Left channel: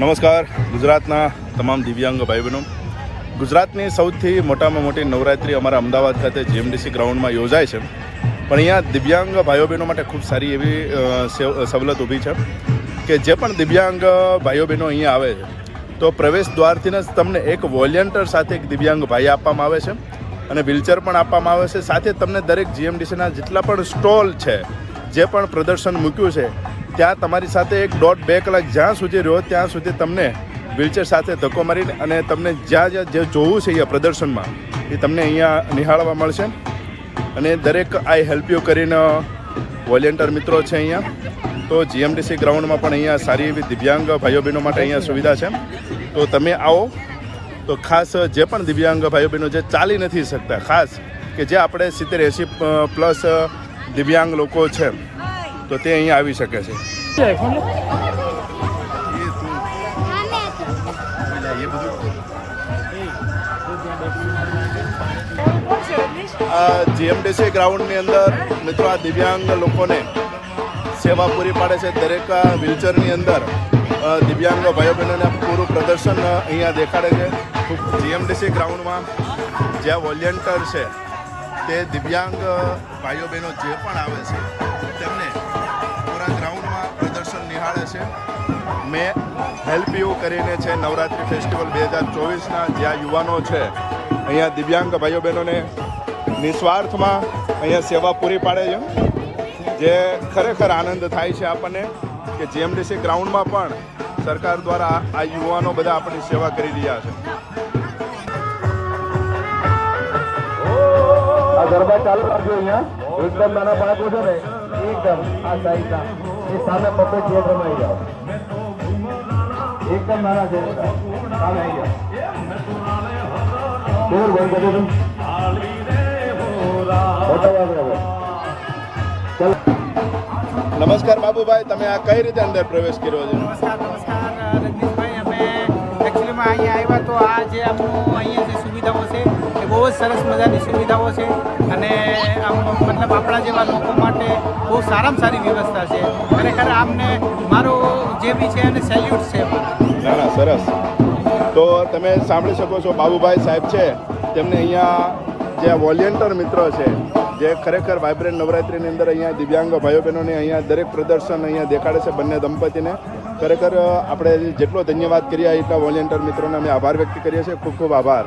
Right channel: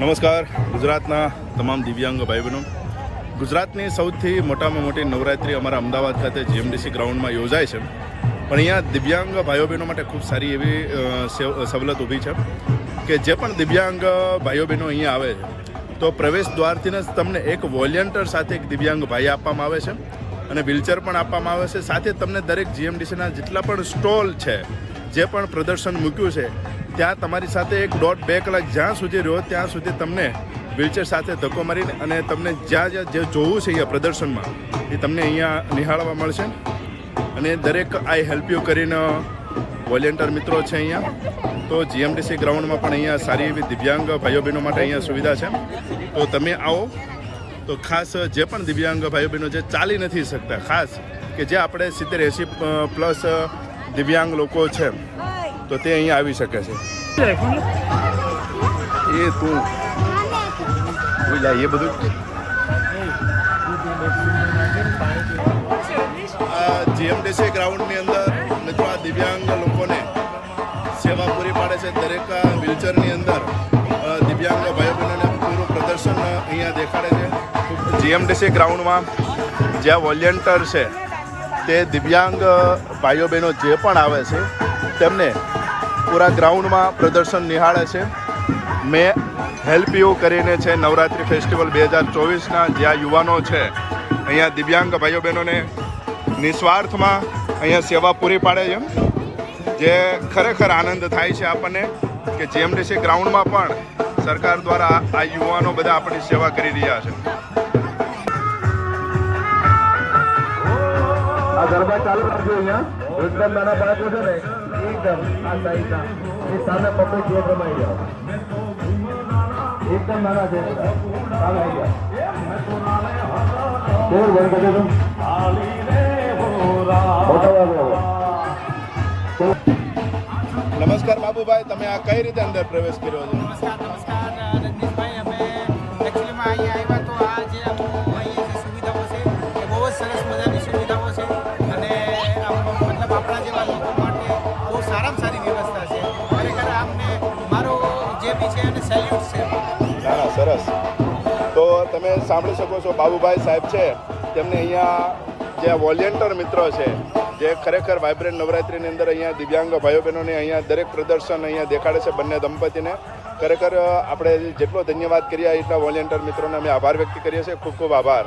નમસ્કાર. ગુજરાતના તમામ દિવ્યાંગ ભાઈ બહેનો ગુજરાતની સૌથી મોટામાં મોટી નવરાત્રિ અમારા અમદાવાદ ખાતે જીએમડીસી ગ્રાઉન્ડમાં યોજાય છે. પણ અહીંયા દિવ્યાંગ ભાઈઓ બહેનો માટે ખૂબ સારી એવી સવલત ઊભી છે કે જે પણ દિવ્યાંગ ભાઈઓ બહેનો અહીંયા આવે છે, તો પ્રવેશ દ્વારથી જ તમને એક વોલેન્ટર સાથે એક દિવ્યાંગ ભાઈ આપવામાં આવે છે અને વ્હીલચેર પણ આપવામાં આવે છે. સાથે તમને દરેક જીએમડીસીના જેટલા પણ સ્ટોલ છે જે પણ પ્રદર્શન મૂક્યું છે, ત્યાં તમારી સાથે એક દોઢ બે કલાક જ્યાં સુધી રહ્યો, ત્યાં સુધી તમને વ્હીલચેર સાથે ધક્કો મારીને અને તમને જ્યાં જ્યાં જે જોવું છે અહીંયા પ્રદર્શનમાં, એ તમને અહીંયા નિહાળવા મળશે. અને દરેક આઈ હેલ્પ યુ કરીને વોલેન્ટિયર મિત્રો છે અહીંયા. તો જીએમડીસી ગ્રાઉન્ડમાં પણ અહીંયા સારી એવી દિવ્યાંગ ભાઈઓ બહેનો માટે અહીંયા સુવિધા છે. તો તમે આવો. તો ખાસ જે પણ દિવ્યાંગ ભાઈઓ બહેનો જે ચાલી નથી શકતા. ખાસ કે જે આપણે સિત્તેર એંસી પ્લસ દિવ્યાંગ લોકો છે તો તે અહીંયા આવી શકે છે. એ તું. એ બધું. જીએમડીસી ગ્રાઉન્ડની અંદર મિત્રો આ દિવ્યાંગ લોકોને સેવા પૂરી પાડે છે. દરેક વ્હીલચેરની અંદર દિવ્યાંગ ભાઈઓ બહેનોને પૂરું પ્રદર્શન અહીંયા દેખાડે છે. જીએમડીસી ગ્રાઉન્ડમાં જ્યાં વોલ્યન્ટર છે, તે દિવ્યાંગ ભાઈઓ બહેનો જે પણ આવે છે તેમને પૂરા ગ્રાઉન્ડમાં પ્રદર્શન નિહાળે છે. મેં હેલ્પ યુ કરીને છે નવરાત્રિ ફેસ્ટિવલ બે હજાર ચોવીસના જ્યાં યુવાનો છે, અહીંયા દિવ્યાંગ ભાઈઓ બહેનોને નિસ્વાર્થમાં અહીંયા સેવા પૂરી પાડે છે. જે ખરેખર આનંદ થાય છે આપણને કે જીએમડીસી ગ્રાઉન્ડમાં પણ સરકાર દ્વારા આ- યુવાનો બધા આપણી સેવા કરી રહ્યા છે. ગરબા ચાલુ કરજો અહીંયા. એકદમ નાના બાળકો છે ને એકદમ આ સાઈડના એ સામે પબ્લિક જોડ રમાઈ જાઓ એકદમ નાના છે. સામે આવી જાઓ બોલ બંધ કરી દો. મોટા વાગે હવે ચલો. નમસ્કાર બાબુભાઈ તમે આ કઈ રીતે અંદર પ્રવેશ કર્યો છો? નમસ્કાર નમસ્કાર રજનીશભાઈ. અમે એકચ્યુઅલીમાં અહીંયા આવ્યા તો આ જે આપણું અહીંયા જે સુવિધાઓ છે, એ બહુ જ સરસ મજાની સુવિધાઓ છે અને આમ મતલબ આપણા જેવા લોકો માટે બહુ સારામાં સારી વ્યવસ્થા છે. ખરેખર આમને મારો જે બી છે એને સેલ્યુટ છે મારા. સરસ. તો તમે સાંભળી શકો છો, બાબુભાઈ સાહેબ છે, તેમને અહીંયા જે વોલેન્ટર મિત્રો છે, જે ખરેખર વાઇબ્રન્ટ નવરાત્રિની અંદર અહીંયા દિવ્યાંગ ભાઈઓ બહેનોને અહીંયા દરેક પ્રદર્શન અહીંયા દેખાડે છે, બંને દંપતીને. ખરેખર, આપણે જેટલો ધન્યવાદ કરીએ એટલા વોલેન્ટિયર મિત્રોને અમે આભાર વ્યક્ત કરીએ છીએ. ખૂબ ખૂબ આભાર.